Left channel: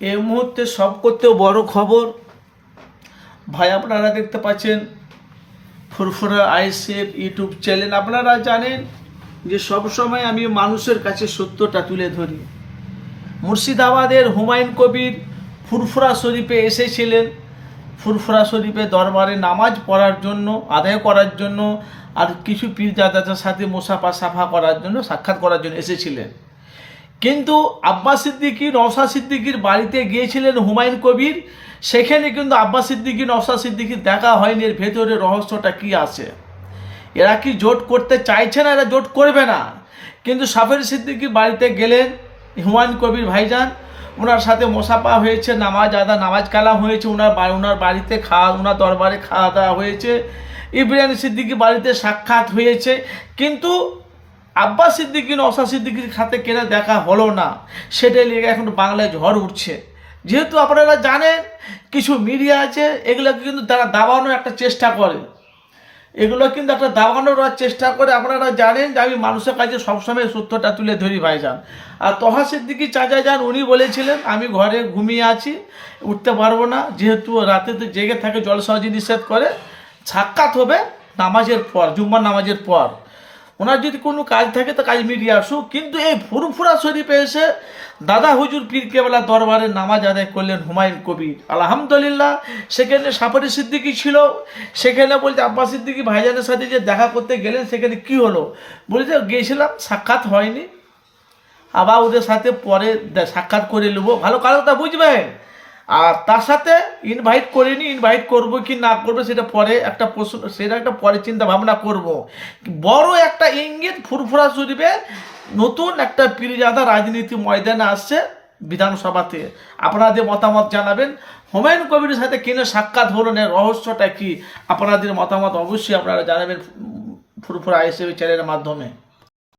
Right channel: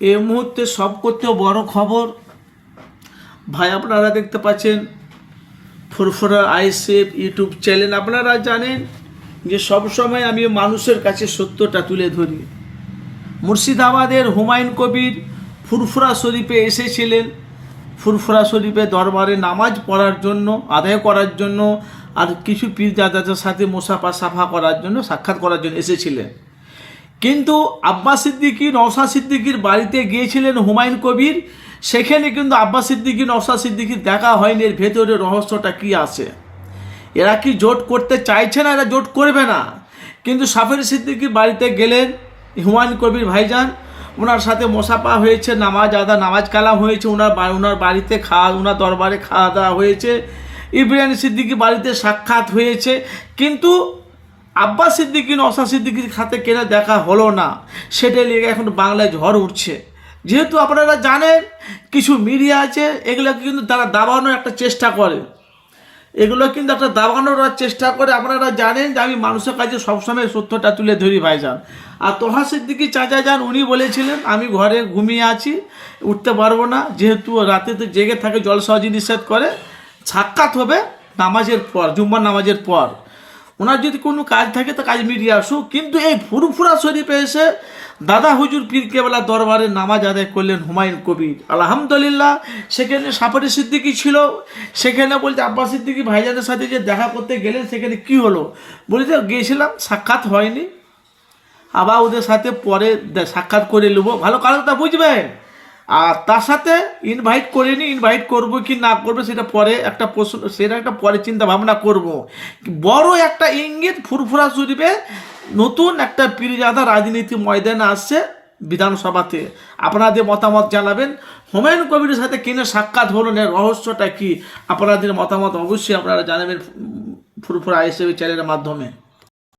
এই মুহূর্তে সব করতেও বড় খবর ভাই, আপনারা দেখতে পাচ্ছেন ফুরফুরা আইএসএফ ইউটিউব চ্যানেল। আপনারা জানেন যে সবসময় আমি মানুষের কাছে সত্যটা তুলে ধরি। মুর্শিদাবাদের হুমায়ুন কবির ফুরফুরা শরীফে এসেছিলেন, ফুরফুরা শরীফে দরবারে নামাজ পড়ার জন্য, আদায় করার জন্য, আর কিছু পীরজাদাদের সাথে মুসাফা সাফা করার জন্য, সাক্ষাৎ করার জন্য এসেছিলেন। কিন্তু আব্বাস সিদ্দিকী নওশাদ সিদ্দিকীর বাড়িতে গিয়েছিলেন হুমায়ুন কবির, সেখানে কিন্তু আব্বাস সিদ্দিকী নওশাদ সিদ্দিকীর দেখা হয়নি। এর ভেতরে রহস্যটা কি আছে? এরা কি জোট করতে চাইছে না? এরা জোট করবে না। কিন্তু সাফের সিদ্দিকীর বাড়িতে গেলেন হুমায়ুন কবির ভাইজান, ওনার সাথে মোসাফা হয়েছে, নামাজ কালাম হয়েছে, ওনার বাড়িতে ওনার দরবারে খাওয়া দাওয়া হয়েছে, ইব্রাহিম সিদ্দিকী বাড়িতে সাক্ষাৎ হয়েছে। কিন্তু আব্বাস সিদ্দিকী নওশাদ সিদ্দিকীর সাথে কেনা দেখা হলো না। সেটাই লেগে এখন বাংলায় ঝড় উঠছে। যেহেতু আপনারা জানেন কিছু মিডিয়া আছে, এগুলোকে কিন্তু তারা দাবানোর একটা চেষ্টা করে, আপনারা জানেন যে আমি মানুষের কাছে সবসময় সত্যটা তুলে ধরি ভাইজান। আর তোহা সিদ্দিকী চাচা যান, উনি বলেছিলেন আমি ঘরে ঘুমিয়ে আছি, উঠতে পারবো না, যেহেতু রাতে তো জেগে থাকে, জলসাজি নিষেধ করে, সাক্ষাৎ হবে নামাজের পর, জুম্মার নামাজের পর। ওনার যদি কোনো কাজ থাকে তো কাজ মিটিয়ে আসুক। কিন্তু এই ফুরফুরা শরীফে এসে দাদা হুজুর পীর কেবলা দরবারে নামাজ আদায় করলেন হুমায়ুন কবির, আলহামদুলিল্লাহ। সেখানে সাফারি সিদ্দিকী ছিল, সেখানে বলছে আব্বাস সিদ্দিকী ভাইজানের সাথে যে দেখা করতে গেলেন, সেখানে কি হলো? বলছে গিয়েছিলাম, সাক্ষাৎ হয়নি, আবার ওদের সাথে পরে সাক্ষাৎ করে নেবো। ভালো কারণটা বুঝবেন। আর তার সাথে ইনভাইট করিনি, ইনভাইট করব কি না করবো সেটা পরে একটা প্রশ্ন, সেটা একটা পরে চিন্তা ভাবনা করব। বড় একটা ইঙ্গিত ফুরফুরা শরীফে নতুন একটা পীরজাদা রাজনীতি ময়দানে আসছে বিধানসভাতে। আপনাদের মতামত জানাবেন। হুমায়ুন কবিরের সাথে কিনে সাক্ষাৎ হলো না, রহস্যটা কি? আপনাদের মতামত অবশ্যই আপনারা জানাবেন ফুরফুরা আইএসএফ চ্যানেলের মাধ্যমে।